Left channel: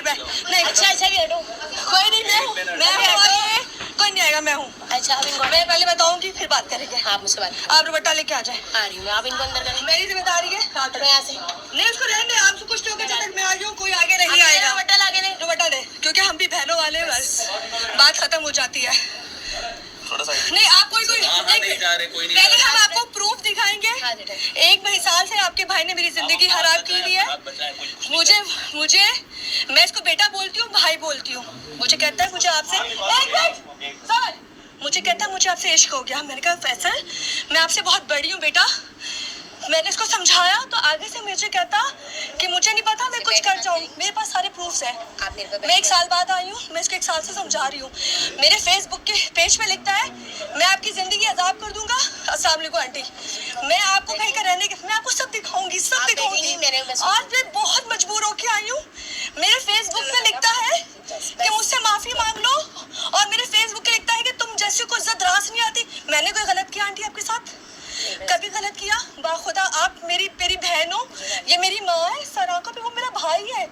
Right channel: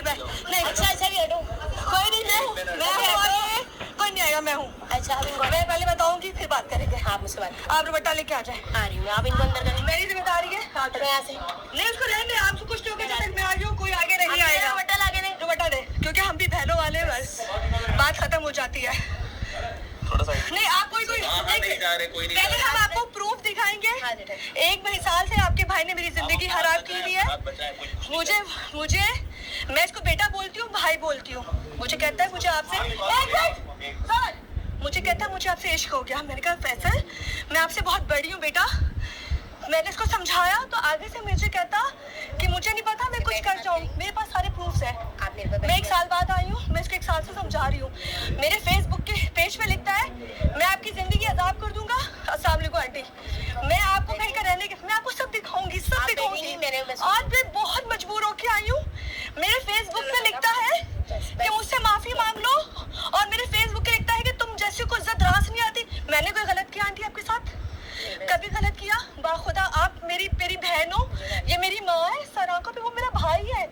नहीं अच्छा भी हटो, कोई नहीं, मैं हूँ, कोई नहीं आएगा, मैं हूँ। अच्छा अब इनको मैं पहले बताऊंगी फिर बात करेंगे। आप मुझसे बात, आप दुपट्टा लेके आ जाए। आ रही हूँ, आप इनको अंदर करें, मेरी जिम्मेदारी है। हाँ तो मैं यहाँ से नहीं, उसको रहने दे, आपसे कुछ नहीं होगा जब तक मैं आ जाऊँ, कोई आगे नहीं आएगा। दुपट्टा लाके दे, दुपट्टा दे, क्योंकि हम भी बहनों वाले, बस बात खत्म हो जाती है। नहीं आप कोई नहीं जा रहे, कोई नहीं। पहले हम आपको प्रूफ दिखाएंगे। एक साल से आपके भाई ने मेरी जिंदगी खराब की हुई है। मुझे मैं इसको बेटा बोलती हूँ, भाई बोलती हूँ। मुझे कहता है मुझे आपसे मुझे आपसे इश्क हो गया। मैंने कहा फैसल मैं आपसे बहुत बड़ी हूँ बेटा। मैंने इसको समझाया तो आगे से मुझे कहता कि मुझे नहीं पता, मैं कुछ कर जाऊँ। मेरे पास सारे प्रूफ्स हैं। मैं 1 साल बाद आई हूँ, मैं इसको 1 साल से समझा रही हूँ। मेरे फेसबुक के पेज पे लिखता है मैं आपकी जिंदगी अजाब कर दूंगा। अस्सलाम वालेकुम आंटी, मैं आपको कहीं का रहने के, मैं आपको सब दिखाऊंगी, सब दिखाऊंगी। आज मैं बहुत मजबूर होके आई हूँ। मेरे फेसबुक पे लिखता है कि मुझसे माफी मांग लो, और मेरे फेसबुक पे लिखता है कि तुम जैसे को इज्जत रास नहीं आती। मैंने कोई गलत किया आंटी आपके साथ? कभी गलत किया? बाखुदा आप मेरी बहन हो, ये मेरी माँ है, सराका पे वो मेरा भाई है।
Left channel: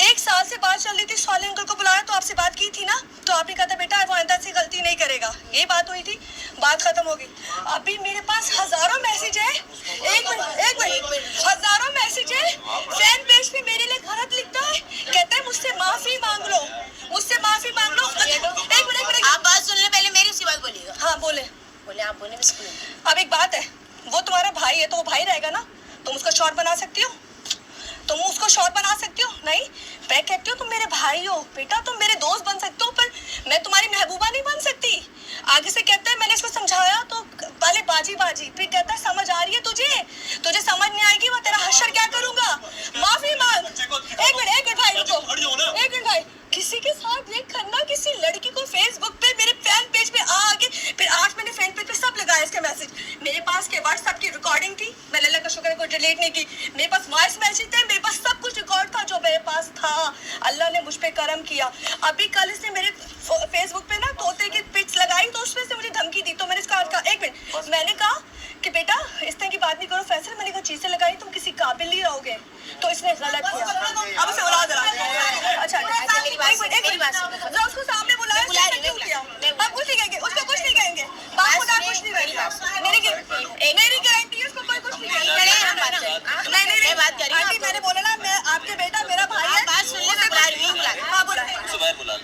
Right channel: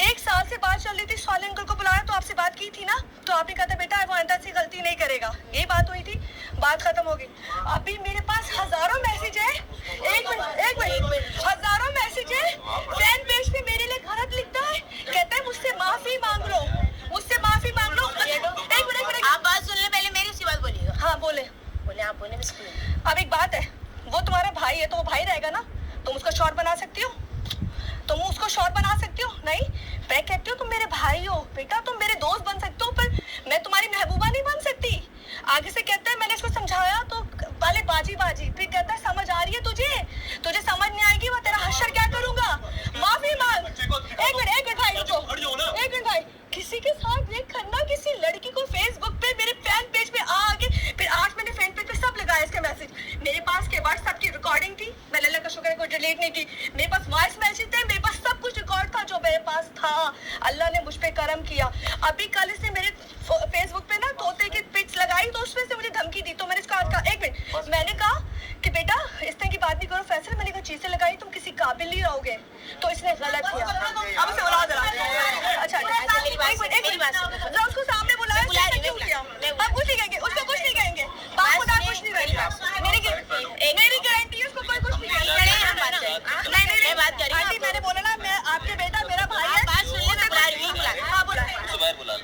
1 साल से बात चल रही थी, साले अंकल को बुलाया तो आपसे बात की थी ना, तो आपने कहा था बेटा वो आइंदा से गलती नहीं करेगा। ये बात हुई थी, बात खत्म हो गई। अभी मेरे पास हजारों मैसेज है, एक मिनट, हजारों मैसेज है। फैन पेज पे मेरे लिए गलत लिखता है, कहता है मुझसे माफी मांग लो, मुझसे माफी मांग लो। एक मिनट आप बात सुन ले, पहले मेरी उसी बात बोलिएगा। हाँ बोले आप बोले। अब एक बात है, वो तुम्हारा भाई है तो वो भाई रहेगा ना। तुम उसको शॉर्ट बना सकती हो, तुम उसको शॉर्ट बना सकती हो? नहीं, मैं कहती हूँ तुम मेरे भाई हो बेटा, तुम मेरे दोस्त बन सकते हो, पर मैं तुम्हारी महबूबा नहीं बन सकती। आगे से कहता है मैंने इसको समझाया तो पहले बाजी, फिर कहता है समझ आ रही है तुझे समझ नहीं आएगी, मैं तेरा हश्र क्या करूंगा, माफी मांग। एक मिनट भाई रुको, एक मिनट भाई, किसी के साथ ये करना, किसी लड़की को फेसबुक पे मेरे फैन पेज पे आके, फिर आज मैंने फैन पेज पे सब लगाया इसके मैसेज। मेरे पास के व्हाट्सएप की रिकॉर्डिंग थी, मैंने अल्लाह का शुक्र है कोई डिलीट नहीं की। मेरे पास वॉइस मैसेज थे, मेरे पास सब कुछ रिकॉर्ड था जो मेरे पास था। अल्लाह ने मुझ पे करम किया। अभी कल इसने मेरे फेसबुक पे ना तोते की पिक्स लगाई, तो उसमें से मुझे धमकी दी। तो मैंने इसका एक मिनट, मैंने कहा कि बेटा इस तरह की बात नहीं करो फैसल, मैंने कहा चीजें लगाई तुम किसी काबिल नहीं रहोगे, तो इसने गलत किया। अब उसे बुला जरा। अच्छा उसको सामने बुलाया, क्यों किया? अब कुछ नहीं कहेंगे, उसको कुछ नहीं कहेंगे, बात खुदा कुछ नहीं कहेंगे, मेरी गारंटी है उसको कोई कुछ नहीं कहेगा। नहीं बात करी आंटी, मैंने बोला ना मैं आपके बेटा मेरा भाई है। बात सुन ले,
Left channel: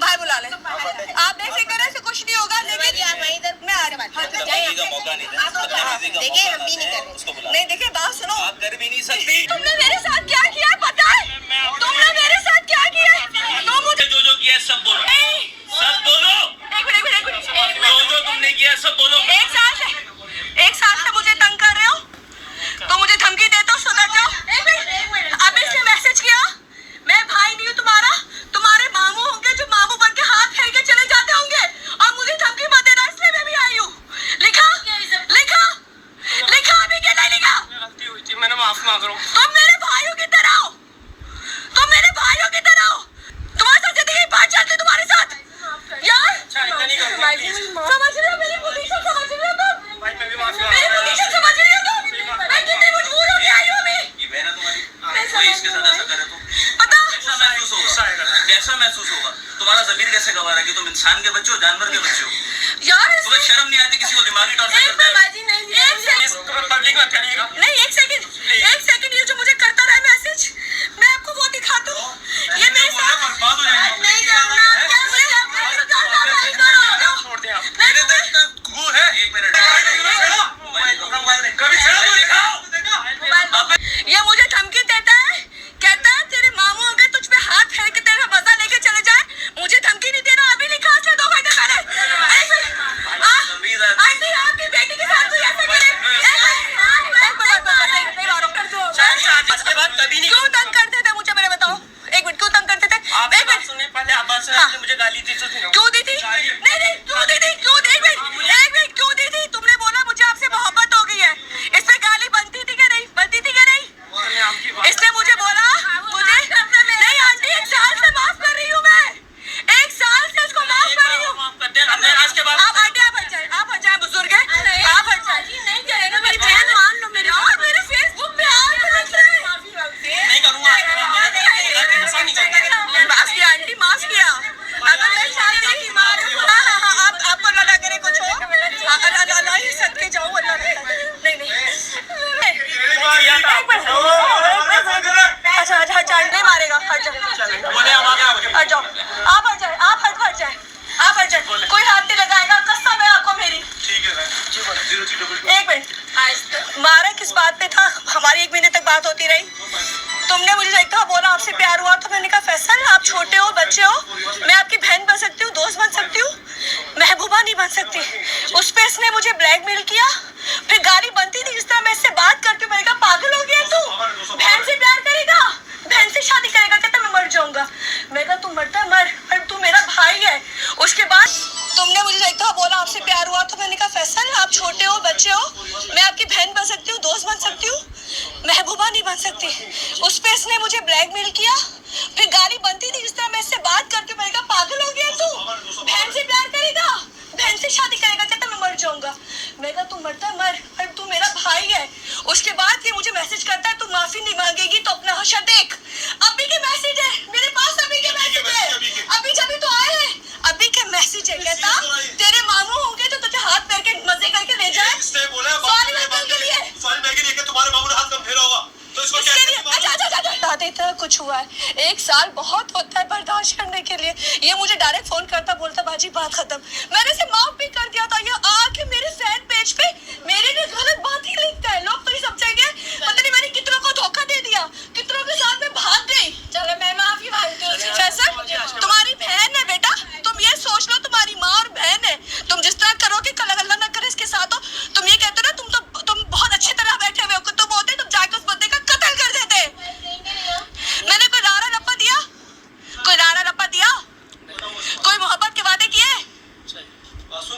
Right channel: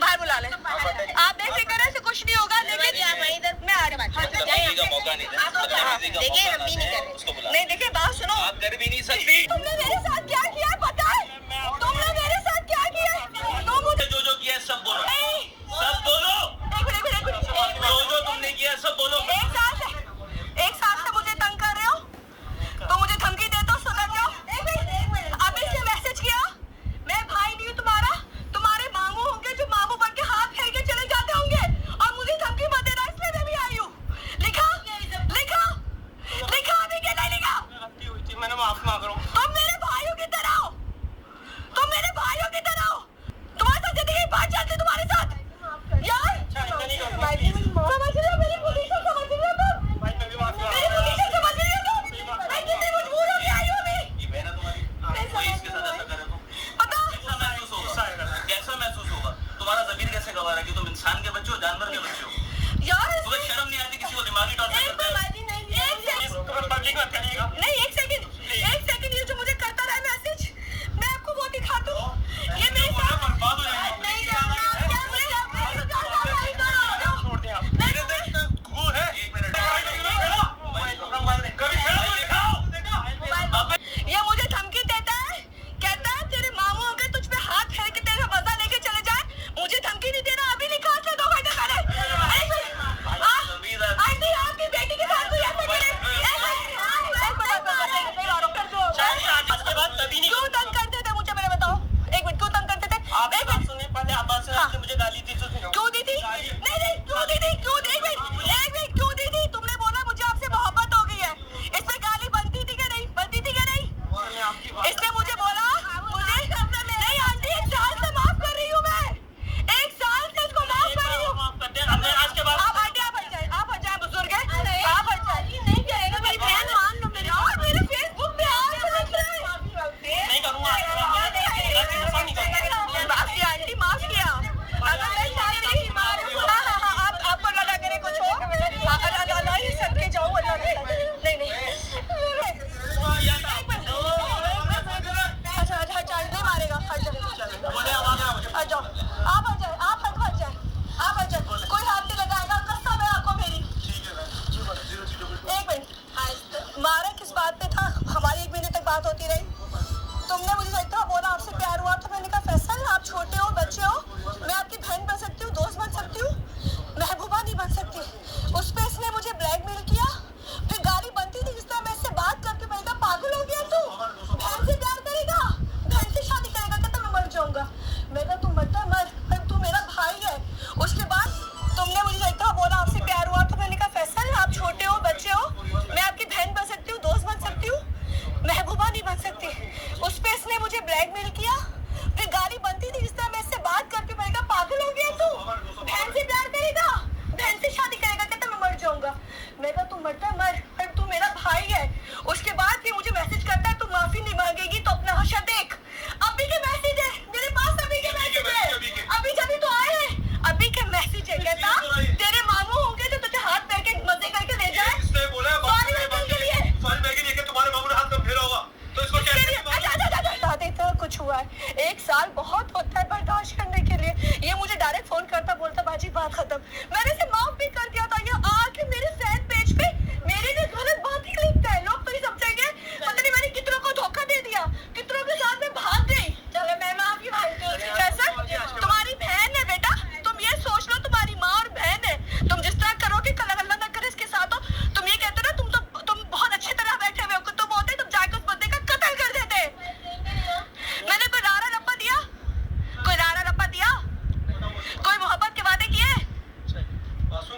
बाहर बुला ले, आप बेफिक्र है, कुछ नहीं होगा। लेकिन मैं आ रही हूँ, देखिए हम भी नहीं कर रहे। नहीं देखिए बात सुनो, आप कर भी नहीं सकती। तुमने मेरे साथ क्या किया पता है? तुमने मेरे साथ क्या किया है? तो मुझे जो किया सब बोलो, सब बोलो। एक मिनट, जो तुमने किया सब बोलो। 1 साल से मुझे तंग कर रहे हो, तो मुझे धमकी देते हो, सुधर जाओ। अब इसने मैसेज किया मैं भाई नहीं हूँ तुम्हारा, तुम्हारे मामू होंगे जो मामू बन के हाथ फेर के चले जाते होंगे, और मुझे धमकी मत देना, इसलिए मैं भी आई हूँ। लिखा अभी क्या नहीं लिखा? गलती हुई थी, मैंने माफ मांग रहा हूँ। तुम मेरे भाइयों की तरह हो, तुम्हारे साथ जिंदगी बात चलती तुम्हारे साथ यार। समझ रहे हो मेरी पोजीशन, समझ रहे हो तुम? मेरी पोजीशन समझ रही हो तुम? मैं कितनी मजबूर हो गई हूँ अभी। ये बहन तुम्हारी कोई इसके साथ ऐसा करे तो पता कैसा महसूस होगा? तुम्हारा ज़मीर कैसे गवाह है कि तुम इंसान के बच्चे हो, जानवर के बच्चे हो? यार तुम्हें शर्म नहीं आती किसी को दिमागी टॉर्चर करते हो? पब्लिक में करिएगा नहीं। एक सेकंड, ये जो मुझे करता रहा मैसेज, मैं आपको वो दिखाता हूँ। ये मेरे साथ बर्बाद हो जाएगी। नहीं छोड़ दे आप, मेरे देश गु है। 1 मिनट, ये मुझे धमकी देता है, कहता है तेरे मामू होंगे तुझ पे हाथ फेर के तेरा मजा लेके चले जाए। मुझे धमकी नहीं देना, अभी लिखा से 2 घंटे पहले। आंटी आपकी बेटी के साथ कोई ऐसा करे? इसके बाद कभी नहीं। क्यों तंग करते थे मुझे, मेरे बताओ। 1 मिनट, क्यों तंग करते थे? आप एक मिनट सुनिए, पहले आप बात सुनिए। मुझे गाली दी तो क्यों दी थी? नहीं क्यों दी थी? क्यों? एक मिनट क्यों दी थी? तुमने बोला मुझे आपसे मोहब्बत हो गई है, इस पे गाली बनती थी क्या नहीं? इसने मुझे बोला मुझे नहीं आंटी, 1 साल से माफ कर रही हूँ मैं, 1 साल से इसको माफ कर रही हूँ। आज के बाद आप आंटी आप हट जाए, बुजुर्ग है, आप हट जाए। नहीं करेगा, मेरी बहन मान लो मेरी। और मेरे फेसबुक पे आप नहीं करूँगा। आपसे प्यार हुआ तो मैंने कहा फैसल आप छोटे हो, बच्चे हो, मैं आपकी बहन बन सकती हूँ, दोस्त बन सकती हूँ, महबूबा नहीं बन सकती। उस पे इसने मुझे ब्लैकमेल किया, फिर गाली बनती थी जिस तरह मैं इससे बात करती हूँ। मैंने कहा पागल हो गया तू, बहन से प्यार करेगा, बहन से शादी करेगा, कहता मैं मर जाऊंगा। मैं कहा तू मरता मर, पर तू मेरा भाई है। उसके बाद तुमने मुझे एक दफा बोला आपसे प्यार हुआ तो मैंने कहा फैसल आप छोटे हो, बच्चे हो, मैं आपकी बहन बन सकती हूँ, दोस्त बन सकती हूँ, महबूबा नहीं बन सकती। उस पे इसने मुझे ब्लैकमेल किया, फिर गाली बनती थी जिस तरह मैं इससे बात करती हूँ। मैंने कहा पागल हो गया तू, बहन से प्यार करेगा, बहन से शादी करेगा, कहता मैं मर जाऊंगा। मैं कहा तू मरता मर, पर तू मेरा भाई है। उसके बाद ये मुझे मैसेज करता है तू माफी नहीं मांगेगी तो अपना हशर देख। अभी के मैसेज है मेरे पास, अभी के मैसेज है, अभी जब तो आए हैं, अभी के मैसेज है। कहता तेरे मामू होंगे तो तुझे हाथ पैर के मजे करके ले जाए। सॉरी अंकल के लिए, सॉरी मैं के लिए तुम्हारे मामू ने हाथ कब फेरा होगा तो इसको क्या इतना कुछ हुआ है। 1 साल बहुत होता है बर्दाश्त करने के लिए। ये मुझे डायरेक्ट फोन करता, बोलता बाजी बात खत्म। मैंने इसे माफ भी कर दिया था। ये आके मेरे फैन पेज पे मेरे लिए गलत बात ही लिखता है। लोग तो ये समझेंगे पता नहीं मैंने कितनों को धोखा दे दिया, कितनों के साथ में भाग गई। चलो मैं माफी मांगती हूँ। फैसल तुम्हारी बहन है बेटा, तुम ये सोच लो तुम्हारी माँ और बहन है। तुम जिस तरह करोगे कल अल्लाह ना करे इसके साथ हो। तुम ये कहते हो ना तुम बहुत अच्छी तरह बैठे हुए हो, तुम होते तुम जाके उस बंदे का कत्ल कर देते। मैंने कोई लारा रप्पा दिया, कोई लारा रप्पा दिया, कोई मोहब्बत के वादे किए? बस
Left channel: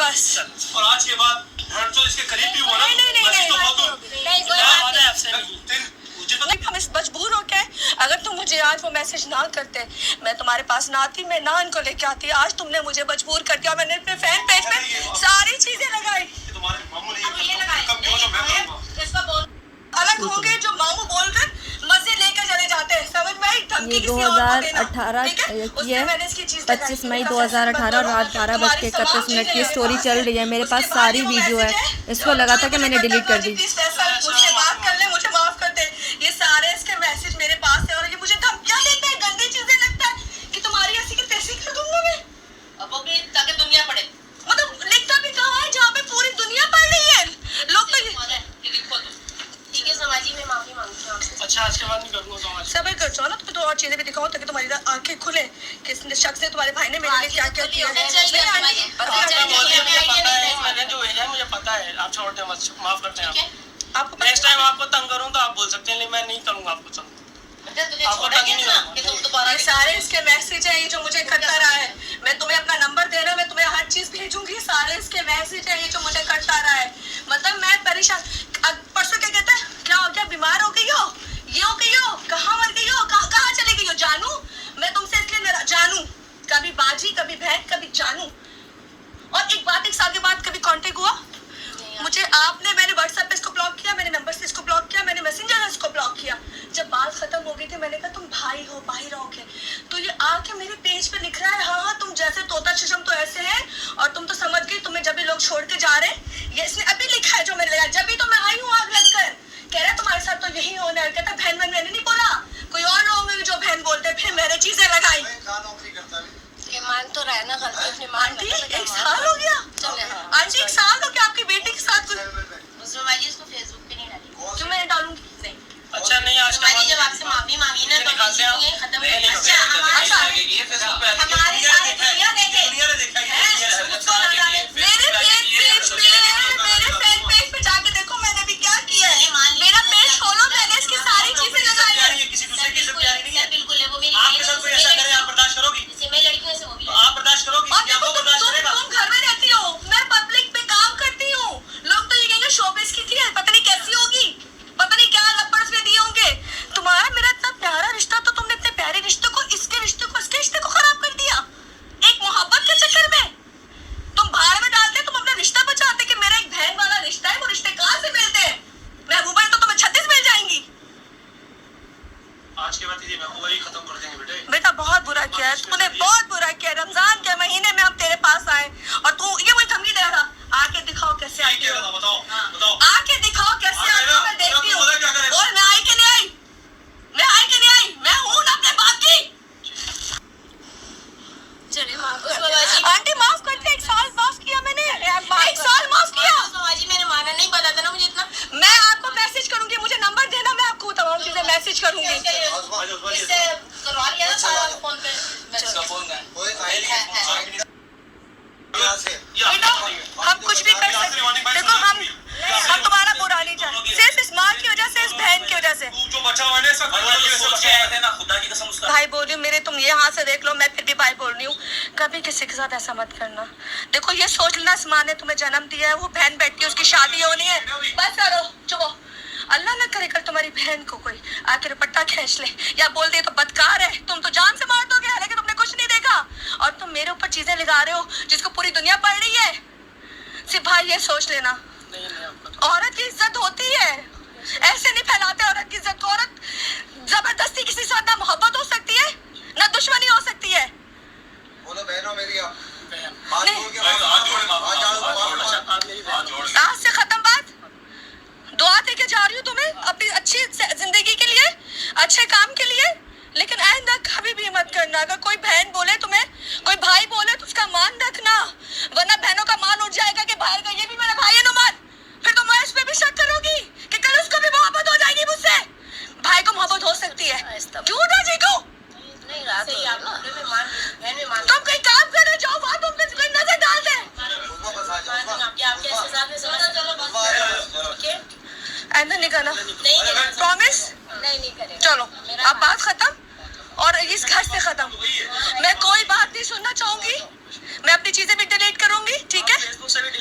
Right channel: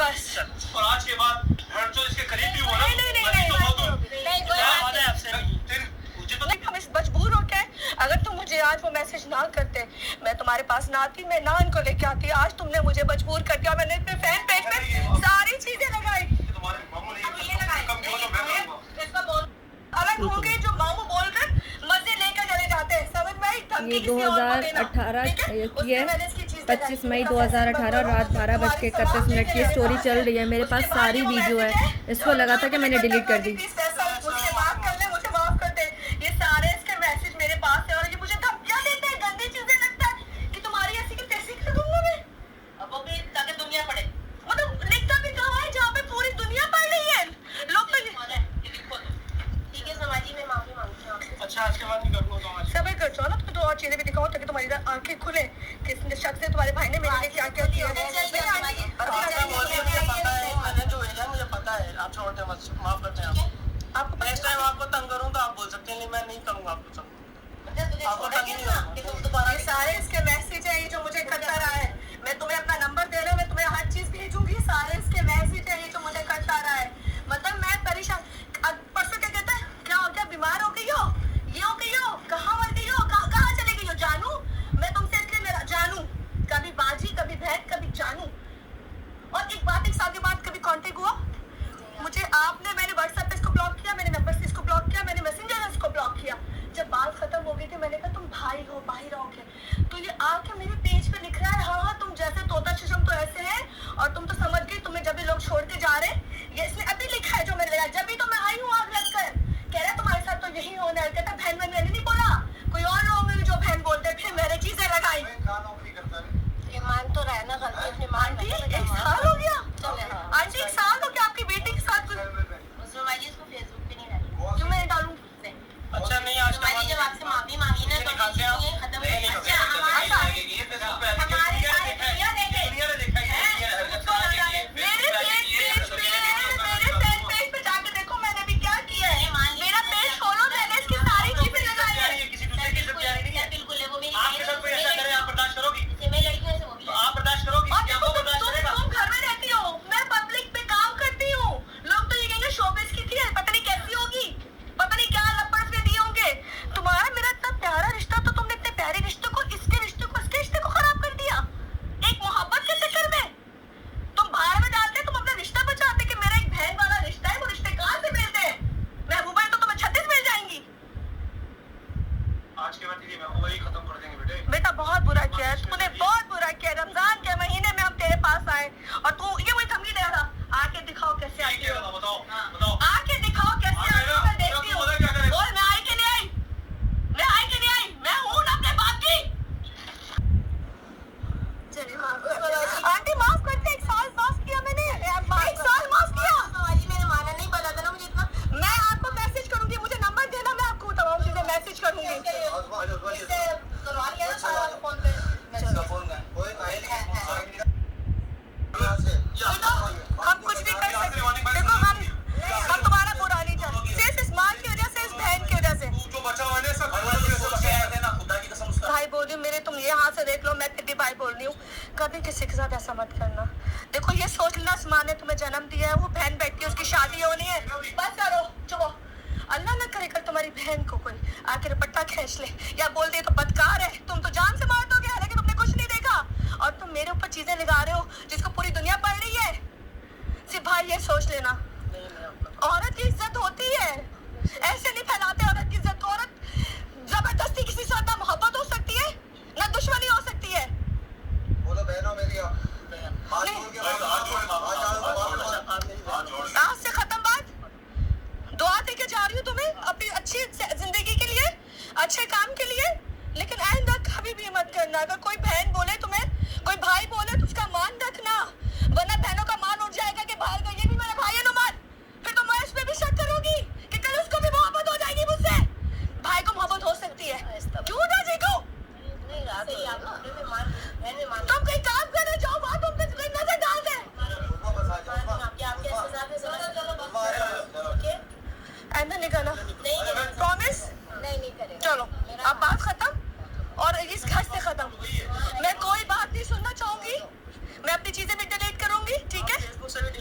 बस और आज के बाद जो इसके करीब भी हुआ ना हम इस मजबूर हो के, अगर तुम मुझे आज वो मैसेज ना करते मैं तुम्हारे पास ना आती, मैं ना इनको लेके आती। आज तुमने मुझे मजबूर कर दिया। मैंने अपने फैन पेज में सारी चीजें लगाई। तुम्हारे मामू ने अलग होंगे जो मामू बोलकर मजे लेकर चले जाते हैं, समझ में आई? ये 2018 की है, 25 मई 2018 रात 12:31 की स्टोरी चल रही है। मेरे पास सारी वीडियो है। इसको लगा था कि मैंने डिलीट कर दी। मुझे माफ कर ले, मुझे माफ कर दे। ये सारे इसके मैसेज मेरे पास है और ये मुझे धमकियां देता है, गंदी चीजें लगता है कि तुम्हारी ऐसी की तैसी कर दूंगा मैं। अब वो भी ताकि दुनिया पढ़े, मतलब लिखता भी कहाँ है जहाँ पे पूरी दुनिया पढ़ रही है। लोग तो ठीक है समाजी में माफी मांगती हूँ आपसे। अच्छा आज के बाद नहीं करूँगा समाज सब कर जाओ ना, तो और चीजें भी दिखाओ ताकि तुम्हारी आंखें खुले कि इस शख्स ने तुम्हारे भाई ने मेरे लिए क्या क्या किया है। मैंने जो भेजा है मुझे पता है, आप छोड़ते मत, माफ करते हैं आपको। नेक्स्ट टाइम आपको तंग करूँ तो आप बोल सकते हैं, लेकिन मैं नहीं करूँगा आपको तंग। ये सारे इसके मैसेज है, ये जो मुझे करता रहा है। मैं तुम्हें अपना नंबर दे रहा हूँ, मैं तुम्हें हर चीज भेजूंगी। सारे इसके मैसेज है, ये जो मुझे करता रहा है। मतलब मैं परेशान। परसों क्या कहता है, क्या हो गया, बीमार हो गई हो, ये हो गई हो, कहाँ मर गई हो, कहाँ चले गई हो? जानू, मैं तुमसे इसलिए मेरा जानू, कभी बाजी, कभी बहन, कभी जानू। और एक बात, 1 साल के बाद कभी कांटेक्ट हुआ मुझे आपने? मैंने व्हाट्सएप पे इसको ब्लॉक किया, मैंने नंबर से इसको ब्लॉक किया, मैंने मैसेंजर से इसको ब्लॉक किया। जब बात खत्म हो गई थी मैंने कहा तुम भाई हो, भाई रहोगे। तो ये आके मेरे पेज पे लिख रहा है हाँ तुम जैसे तोता चशम तो ऐसे हैं, और तुम तो समझ गई तुम्हें जब भी लोग छोड़ के जा रहे हैं। ये इसने अभी लिखा है जो मैंने लिखा, जब भी तो मैं आई हूँ आग लग कर। कह रहा है तुम्हारे साथ तो यही होना है। कहता बहन मैंने नहीं बोला, कोई और लोग होंगे जो बहन बोलते। फिर मैंने चीजें लगाई। ये मान तो रहा है ना गलती अपनी मान। आंटी 1 साल हो गया, आंटी 1 साल हो गया आपकी बेटी के साथ कुछ। उसमें इसको फेसबुक पे नहीं डाली जो मैंने डालूंगी। अच्छा नहीं आज के बाद जब आपसे माफी मांगी ना तो निकालते हैं ये खत्म नहीं, हो। अच्छा हमारे सारे दुनिया देखे दुनिया ने देखा है मेरे फैन पेज पे जाके देखो मैंने भी क्या किया है। मेरा पेज खोलो, मैंने इसकी सारी चीजें लगाई है। किसी दूसरे की इज्जत प्यारी नहीं है। बिल्कुल है वो मेरी आपके साथ कोई ऐसा करे आप बर्दाश्त करोगी? जैसे मैं लड़कियों से वो भी तो आप बर्दाश्त करोगी? और क्या देखो वो बर्दाश्त करेगा? तुम घर में रहती हो, मैं पब्लिक पे काम करती हूँ। लोग तो ये कहेंगे शोबिस की थी, पता नहीं कैसी होगी, पता नहीं क्या लपड़ में दिए होंगे। तुम्हारा मेरा इतना प्यारा रिश्ता, तो तुमने इतने प्यारे रिश्ते को, इसके रिश्ते को, इसके रिश्ते को खराब कर दिया एक मोहब्बत के चक्कर में। तुम भाड़ में डालते, तुम अपना रिश्ता बचाते कि मेरा एक बहन वाला रिश्ता है। वो रिश्ते कहाँ से मिलते हैं? महबूबा तो तुम्हें 36 मिल जाएंगी। आज के बाद ये महबूबा ही खत्म कर देंगे बेटे। बेटा बहुत बुरा किया है तूने, बहुत बुरा किया। रमजान के महीने में हम तेरे पास आए और तू ये वही धमकी दे रहा था, आके दिखाओ कैसे आती हो, बताओ आके दिखाओ कैसे आती हो, मैं देखती हूँ। बोल मैं आई कि नहीं आई, मैं आई कि नहीं आई, मैं हूँ ना अपने बाप की। चलिए माफ आंटी माफ करते, 1 साल माफ किया मैंने, 1 साल माफ किया। मैंने माना नहीं, पता था ना मुझे इतना। मैं आपको मैसेज करूंगी, मुझे नंबर देना, मैं करूंगी। इससे करवा लिया ना सारा फोन पे हम कुछ भी कर सकते हैं। देखो हम तुम्हारा बुरा नहीं चाहते, सिर्फ इस माँ की वजह से, इस बहन की वजह से। जो बचा हुआ है सब खुदा की कसम उसका भाई बोल रही हूँ मेरे, तुम ये हाथ से देख लो, मैं फिर भी भाई बोल रही हूँ, कभी किसी के साथ ऐसा मत करना। देखो ये सोच लेना, इस माँ ने तुम्हें जन्म दिया है, वो बहन बैठी है, उसकी शादी होनी है, बस करो चुप। अल्लाह ना करे कल तुम्हारी बहन को कोई आके दुपट्टा खींच ले या बोल दे तो बदकार है, तुम तो जान से मार दोगे, हालांकि तुमने कुछ नहीं देखा और तुम मेरे ऊपर चीजें लगा रहे हो जिसको पूरी दुनिया पढ़ रही है। सिर्फ भाई ये सोच लेना, औरत की इज्जत होती है, ऐसे नहीं फैलाते औरत की इज्जत। औरत जबरदस्ती किसी से ना मोहब्बत हो सकती है ना दुश्मनी हो सकती है। बोलो बहनों मेरी आज से खत्म बात, दुआ दे के जा रही हूँ तुम्हें अपनी अच्छी जिंदगी के लिए, अच्छे काम के लिए, लेकिन आइंदा कभी भी मत करना। अगर कोई बहन बोले तुम्हें, कोई भाई बोले तो उसका मान रखना, वरना बहनों का मान उठ जाएगा कि बाहर का ये भी मेरा भाई है नुमान, फिर तुम इस पे भी शक करोगी कि कल उसको भी मोहब्बत हो जाएगी मुझसे। भाई को मोहब्बत हो सकती है, क्यों ना जीको? नहीं रात सही आप ना बहन में मान तुम कहीं काम करने जाओ, वहाँ तुम पे कोई नजर डाल दे। आपके हिसाब से चलो ओके आइंदा नहीं करना, नहीं प्रॉमिस? नहीं करें चलो अब बात खत्म और इस घर से खत्म। मैं कोई बात नहीं सुनना चाहूंगी, मैं अपनी चीजें भी डिलीट करूंगी, ठीक है?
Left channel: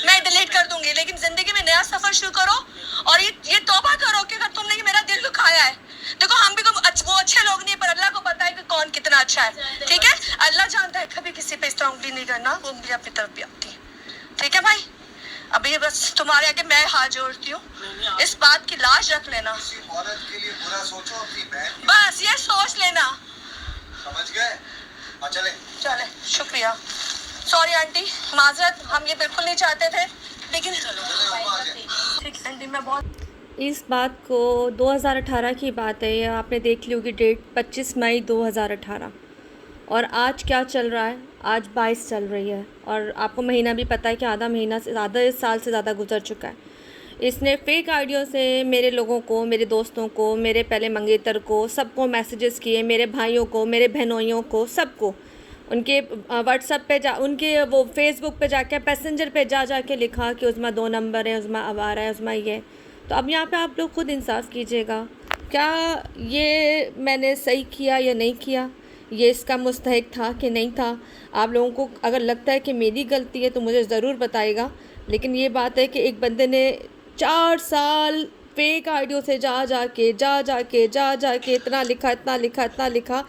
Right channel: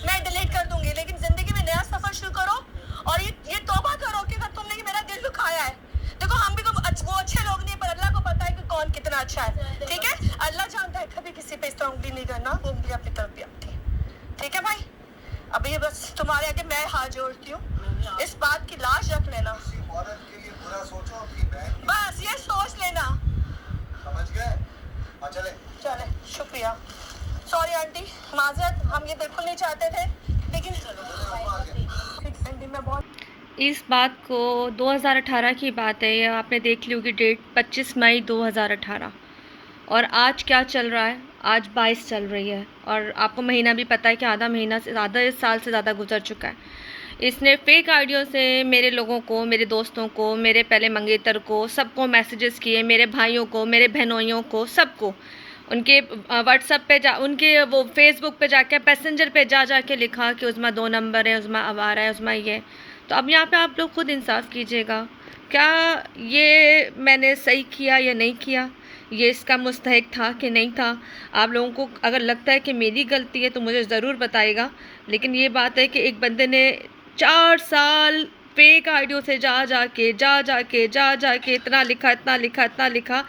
मैं डिलीट कर दूंगी, लेकिन जिंदगी में नया सफर शुरू करो और ये तौबा करो कि अगर तुमने मेरा दिल दुखाया है, देखो हम भी वो अच्छे लोग नहीं है, पर अल्लाह को पता है कि कौन कितना अच्छा है, ठीक है? अल्लाह जानता है, कभी किसी पे इस तरह उंगली नहीं करना, वो उंगली अपनी तरफ भी आती है, ठीक है भाई? अब ये बस तुम्हारे आगे मैं हाथ जोड़ती हूँ, इस बात की लाज रख लेना, औरत के लिए बुरा सोचो, अपनी बहन की बस ये सोच लेना, समझ गए? चले चले शुक्रिया। सॉरी आंटी, माजरत, हम ये बिल्कुल नहीं चाहते थे, लेकिन ठीक है आंटी, मैं बहुत इस बात को 2018 की बात है, ये आपने देख ली होगी डेट 25 मई 2018 और आज क्या चल रहा है, आज 22 चल रही है और आपको महीना भी पता है कि आधा महीना से ज़्यादा, इस साल से ज़्यादा गुजर चुका है। इसने फेक आइडियो से मेरे लोगों को, मेरे दोस्तों को, मेरे पहले मंगेतर को, सबको मैसेजेस किए, मेरे भाइयों को, मेरे बहनोइयों को, सबको उनके व्हाट्सएप पे उनके वो फेसबुक पे जाके पैसेंजर पे जा के लिखा कि उज़मा 2 नंबर है, उज़मा आवारा है, उज़मा ये। तो अब यहाँ पे आप लोग खुद इंसाफ कीजिएगा, क्या ये मैंने सही किया या नहीं किया, ये इसका मुस्तहिक था कि नहीं था? आप लोगों को अगर लगता है कि मेरी गलती है तो मुझे ज़रूर बताइएगा, लेकिन ये बात है कि एक बंदे ने 4 साल फेक आइडियो से जा के इतना लिखा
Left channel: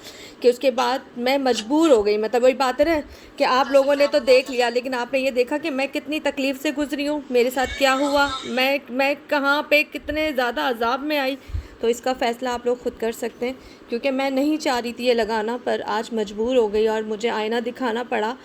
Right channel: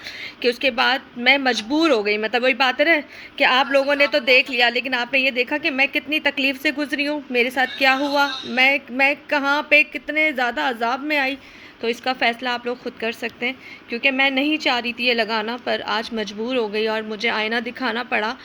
कि उसके बाद मैं मजबूर हो गई। मतलब वही बात है कि आप लोगों ने तो देख लिया, लेकिन आपने ये देखा कि मैं कितनी तकलीफ़ से गुजरी हूँ, मेरे साथ क्या हुआ, मैं कहाँ पे कितने ज़्यादा अजाब में आई। तो इसका फ़ैसला आप लोग ख़ुद कर सकते हैं, क्योंकि मैं नहीं चाह रही थी ये लगाना, पर आज मजबूर हो गई और मुझे आईना दिखाना पड़ा।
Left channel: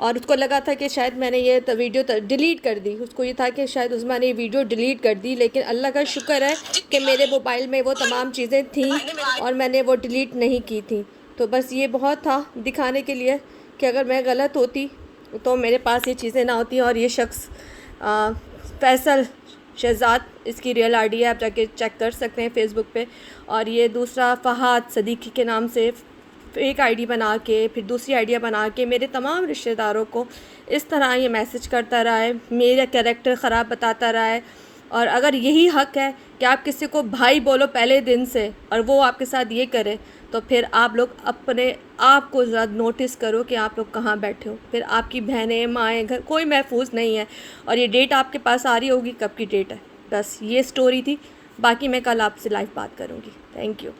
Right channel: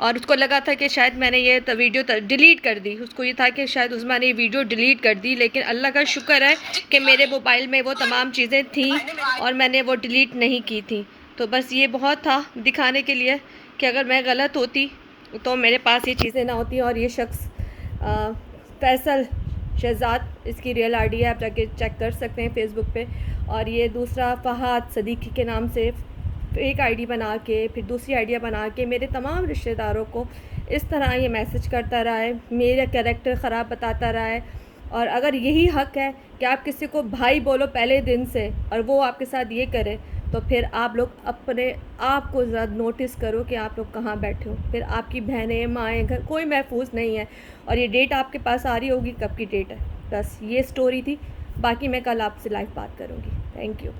और उसको लगा था कि शायद मैंने ये वीडियो डिलीट कर दी, उसको ये था कि शायद उज़मा ने ये वीडियो डिलीट कर दी, लेकिन अल्लाह का शुक्र है कि मेरे मोबाइल में वो तमाम चीज़ें थीं और मैंने वो डिलीट नहीं की थी। तो बस ये बहुत था दिखाने के लिए कि अगर मैं गलत होती तो मेरे पास ये चीज़ें ना होती। और ये शख्स फैसल शहजाद, इसकी रियल आईडी है, आप जाके चेक कर सकते हैं फेसबुक पे। और ये दूसरा फ़हाद सदीकी के नाम से फेक आईडी बना के, फिर दूसरी आइडिया बना के मेरे तमाम रिश्तेदारों को इस तरह ये मैसेज करता रहा है, मेरा कैरेक्टर ख़राब बताता रहा है। और अगर यही हक़ है कि आप किसी को भाई बोलो पहले दिन से और वो आपके साथ ये करे, तो फिर आप लोग अपने आप को ज़्यादा नोटिस करो कि आप लोग कहाँ बैठे हो। फिर आपकी बहनें, माएँ, घर कोई महफूज नहीं है। और ये डेट आपके पास आ रही होगी, कब की डेट है। बस ये स्टोरी थी, बाकी मैं कल आपसे लाइव बात करूँगी। Thank you.